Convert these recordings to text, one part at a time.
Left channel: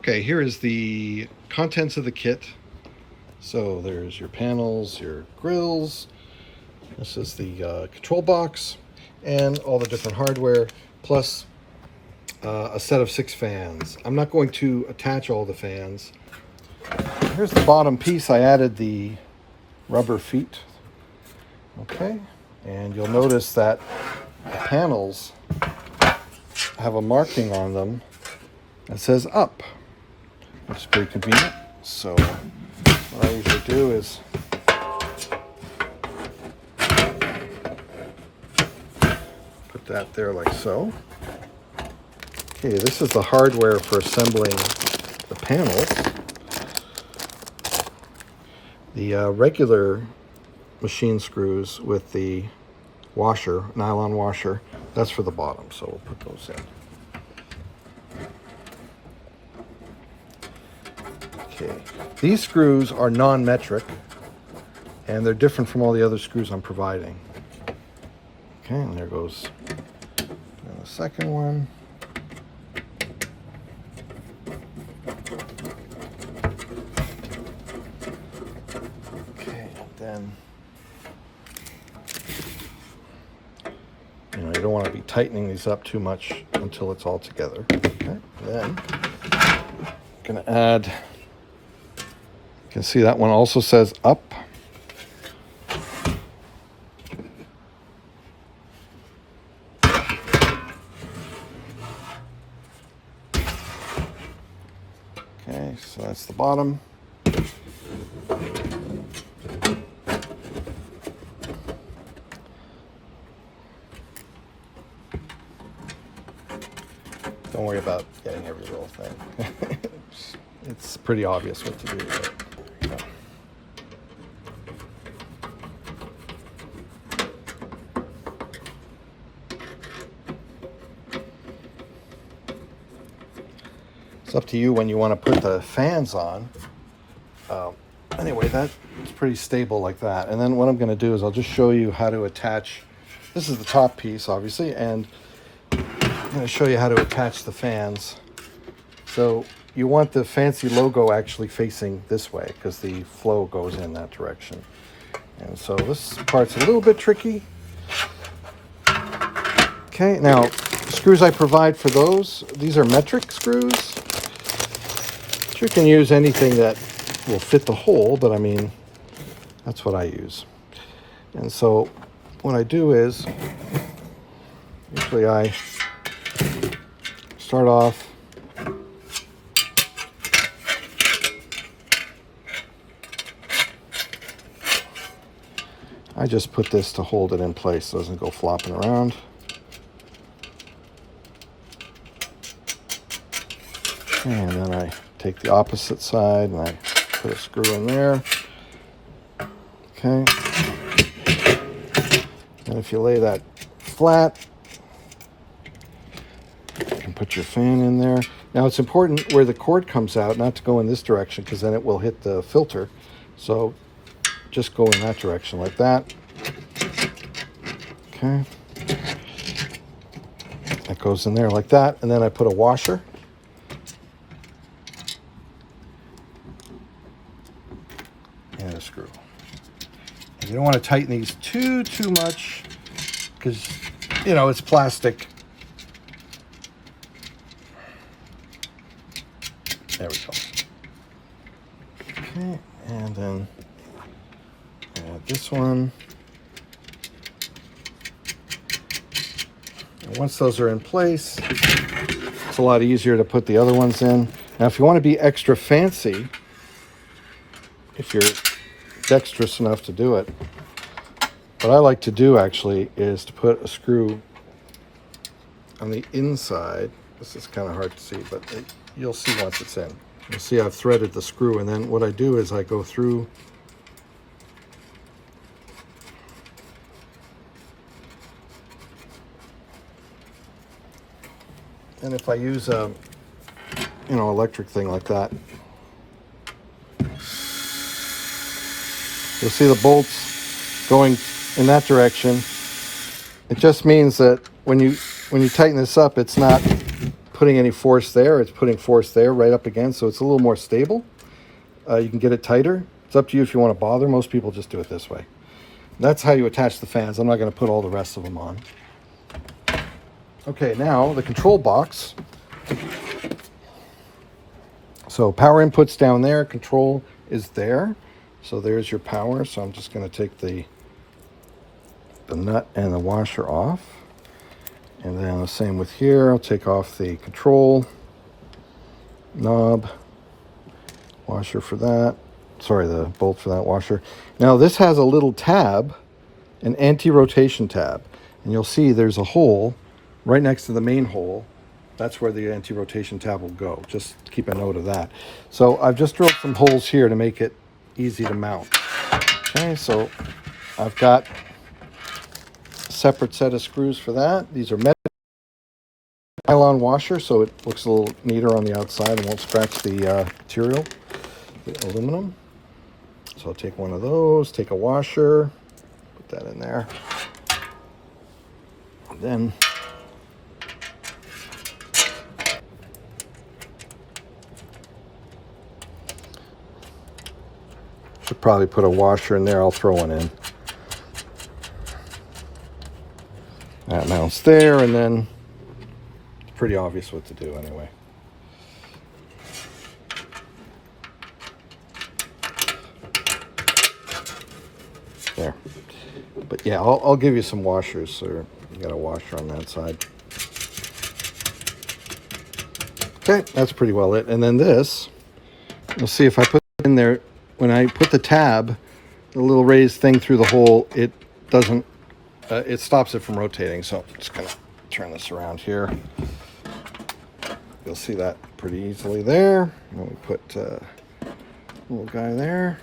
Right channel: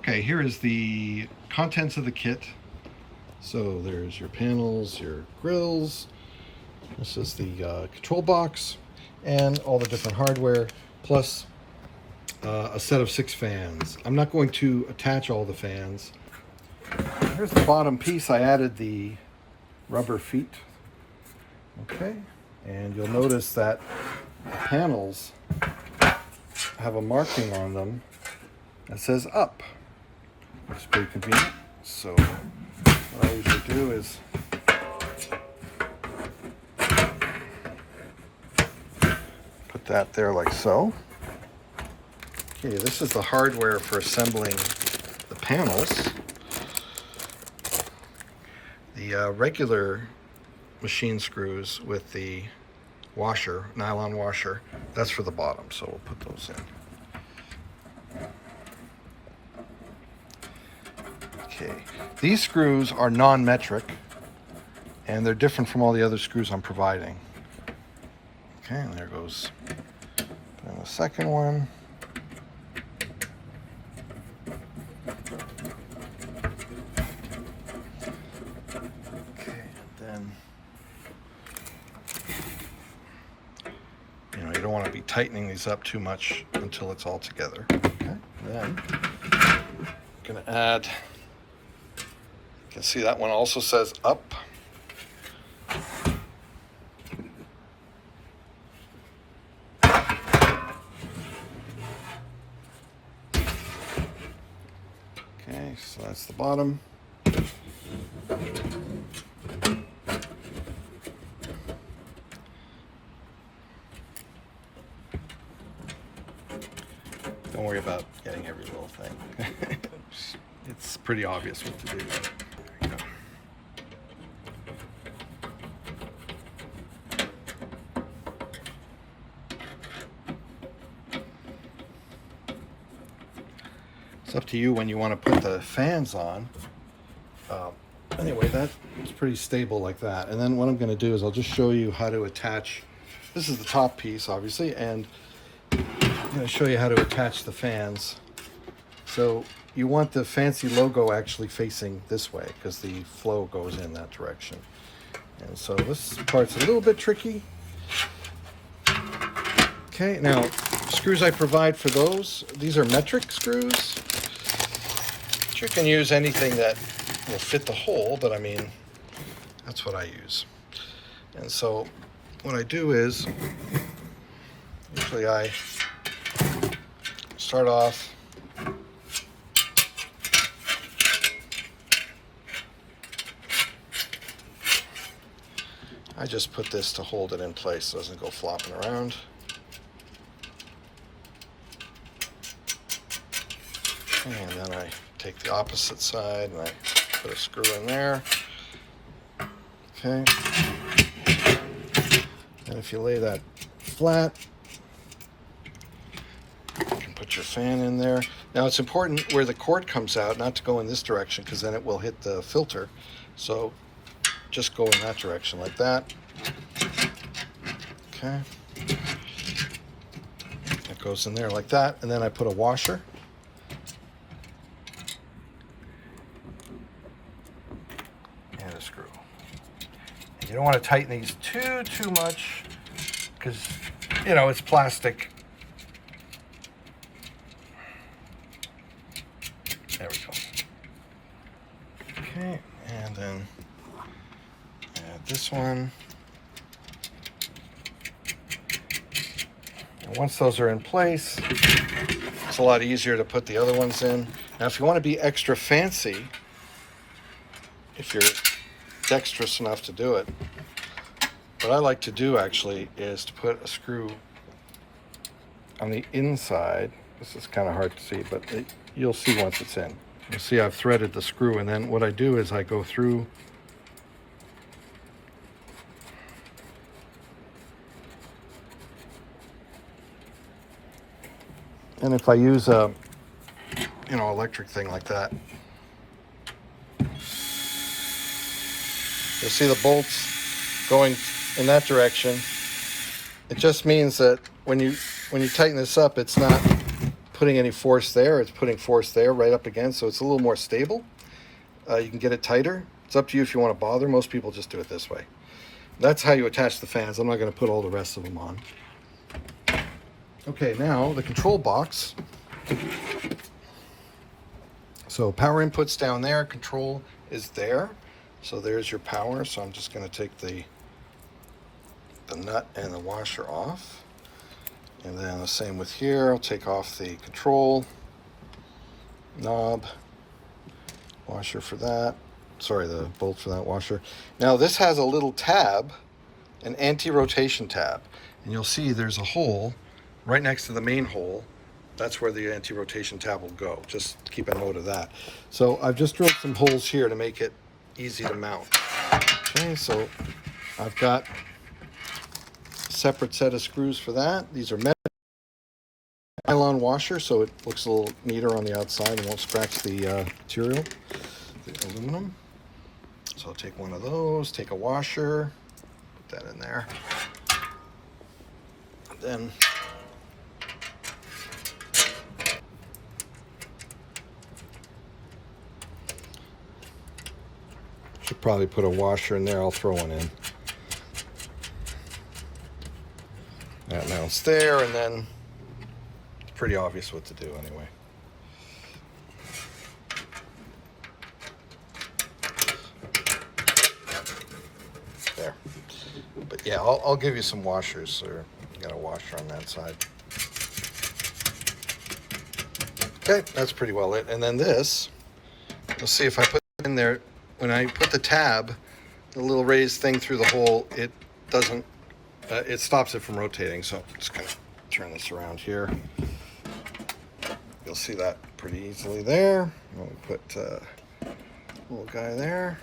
Okay, here is the contents of the kit. So there's your panels, your grills. This is the control box and all the different hardware, plus a set of 6 fans. I'm not going to attach all the fans. Here's the bottom piece. I added the rubber feet. Okay, and you'll notice that the panels have a marking on them that says up, which is pretty convenient. So what I usually do is put that there like so. Okay, this is the hardware for assembling the panels. The regular machine screws with the washer, nylon washer, that's for the bottom, so we'll put those in. Okay, these screws are non-metric, and they're different from all the other screws I'm providing. Okay, and there goes the second one. Okay, then you don't want to be tightening these up too much until it's all together. Okay, then I'm going to add. You can see that one also says up. Okay, so that's the bottom. Don't worry about getting every little thing. It's pretty obvious what to do. Right? There you go. It's up to you when you want to put the fans on. Anyway, that's pretty stable like that. And then what I'm going to do is I'll just show you how to attach. This is the top piece, obviously, and I'm going to show you how to attach the fans. So you want the fancy logo actually facing this way because the flow goes in that direction. And so this part's a little bit tricky. Okay, now screws I provide for those, these are metric screws. You can use anything that will fit the hole, but I mean, that's what I use. And so what I do is, usually I start off I just put this to hold it in place so it doesn't go flopping around. And then I take the opposite side and I put a screw in there. Okay. And if you lay that flat, you can put your fan in there. Now it's important where the cord comes out not to go in this direction because then it will hit the filter. So just go in that direction like that. Okay. That goes in there like that. And then I put a washer. And a screw. You don't want to tighten these too much because, it's plastic. There we go. Okay, and then add this one. And once those are in place, it's a lot easier to put the other ones in. Now, if you want to be extra fancy, if you're dexterous enough to do it, what I like to do actually is to put a screw on the inside. This is kind of hard to see, but you'll see once it's in. You'll see I've threaded the screw, and then what I do is I go through and if I use a electric thing like that, you'll see the bolts going in that direction. It just means that when you tighten this up, it's not putting any force there. It's putting force there right up against, so it's a little more stable. You can get it tighter. It's up to you if you want to bother. Most people just do it this way. That's how you attach the fans. I'm not going to put all the rest of them on. Okay, now the control box. So power input's down there, control is there. So there's your power. So I'm just going to take the nut and the washer off. And then the same with here. I'll take off the control knob, washer for that. Sorry, the bolt for that washer. Now this has a little tab, an anti-rotation tab. And you'll see there's a hole right next to the main hole. That's where the anti-rotation tab will go. Just keep a note of that. So I've just drilled some holes here to make it easy to mount. Okay, so I've got a separate set of screws for that. These are nylon washer, so it looks a little neater on the outside and won't scratch the material, the aluminum. So I'll take one of those, take a washer, put that in there. And then should probably put a washer in there. I'll throw one in. That mounts there, and then it's pretty obvious what to do anyway. There. But yeah, I'll give you some washers, so you got a washer on that side. Okay, that's pretty well it. And then this, you'll see if I put it in there, when I put the tab, the little raised thing through the hole, it doesn't, it stops it from rotating. So I'm just gonna turn this around here. You'll see that pretty easily there. And we put a little guy there.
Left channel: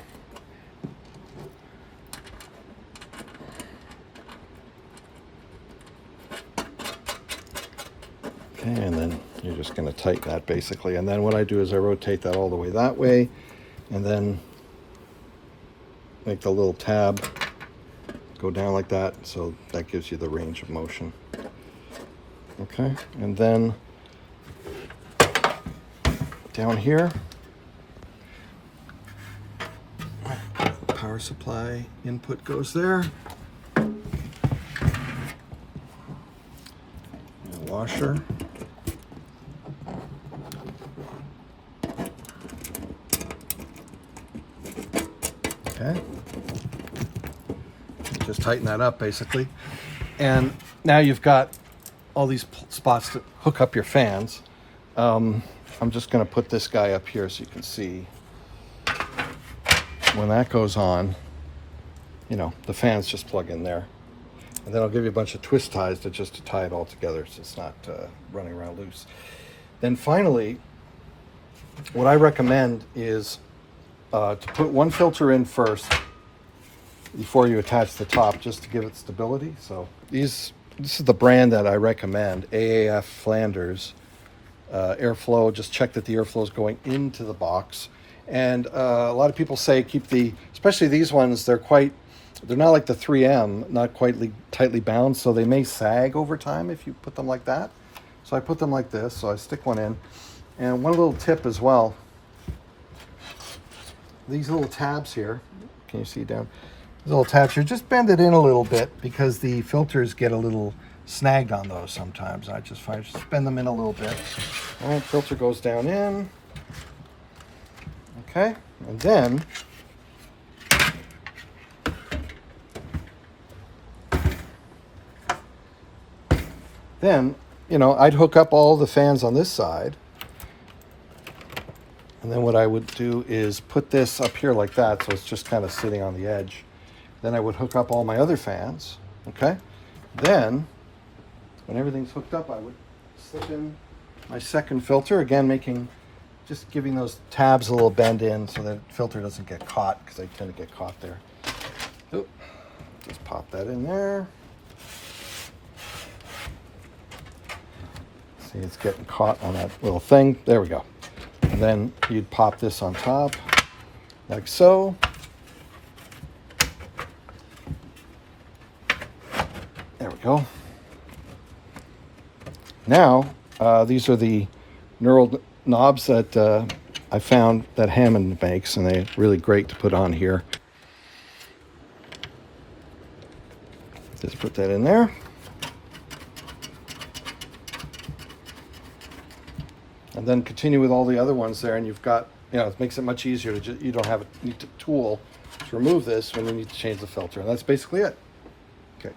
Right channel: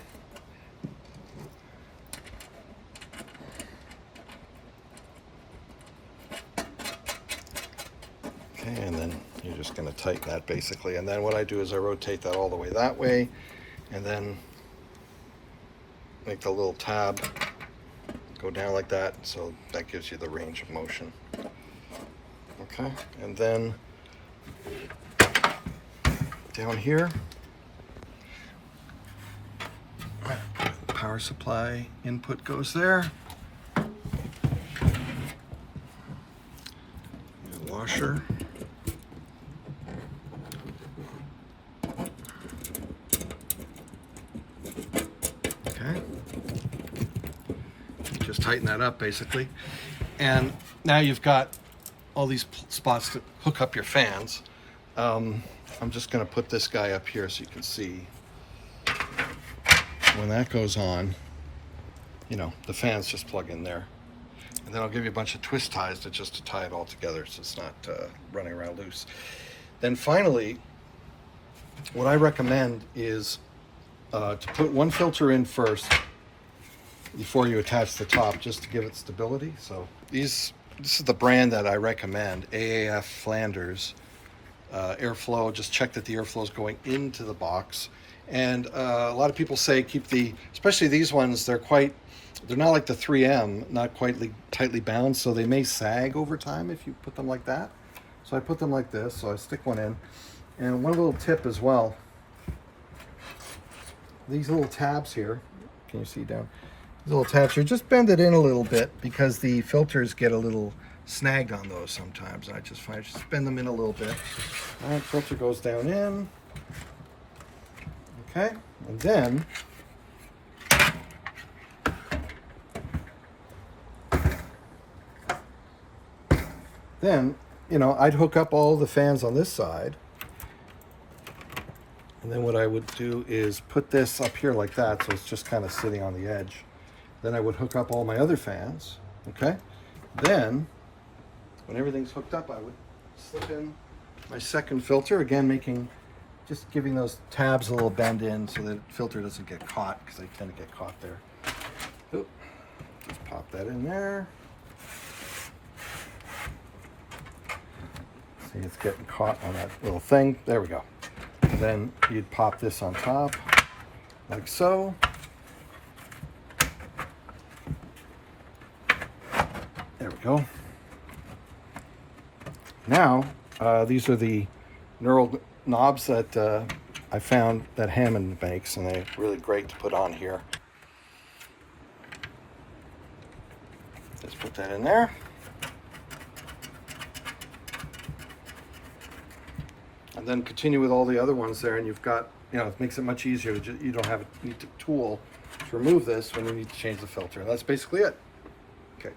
Okay, and then you're just gonna tighten that basically. And then what I do is I rotate that all the way that way, and then make the little tab go down like that, so that gives you the range of motion. Okay, and then down here, the power supply input goes there. Washer. Okay. Just tighten that up basically. And now you've got all these spots to hook up your fans. I'm just going to put this guy up here so you can see. When that goes on, you know, the fans just plug in there. And then I'll give you a bunch of twist ties to tie it all together so it's not running around loose. Then finally, what I recommend is to put one filter in first before you attach the top, just to give it stability. So this is the brand that I recommend, AAF Flanders. Airflow, just check that the airflow is going into the box. And a lot of people say keep especially these ones, they're not like the 3M, not quite tightly bound, so they may sag over time if you put them like that. So I put them like this, so I stick one in. And one little tip as well, these little tabs here, can you see down? These little tabs here, just bend it in a little bit because the filters get a little snagged on those sometimes. I just bend them in a little bit. And filter goes down in. Okay, and then, you know, I'd hook up all the fans on this side. And then what I would do is put this up here like that, so it's just kind of sitting on the edge. Then I would hook up all my other fans, okay? Then, when everything's hooked up, I would slip in my second filter, again just giving those tabs a little bend in so that the filter doesn't get caught, because they tend to get caught there. Oop. Just pop that in there. See, it's getting caught on that little thing. There we go. And then you'd pop this on top, like so. There we go. Now, These are the knurled knobs that I found that Hammond makes, and they're really great to put on here. Just put that in there. And then continue with all the other ones there, and you've got, it makes it much easier. You don't have a tool to remove this when you need to change the filter. And that's basically it. Okay.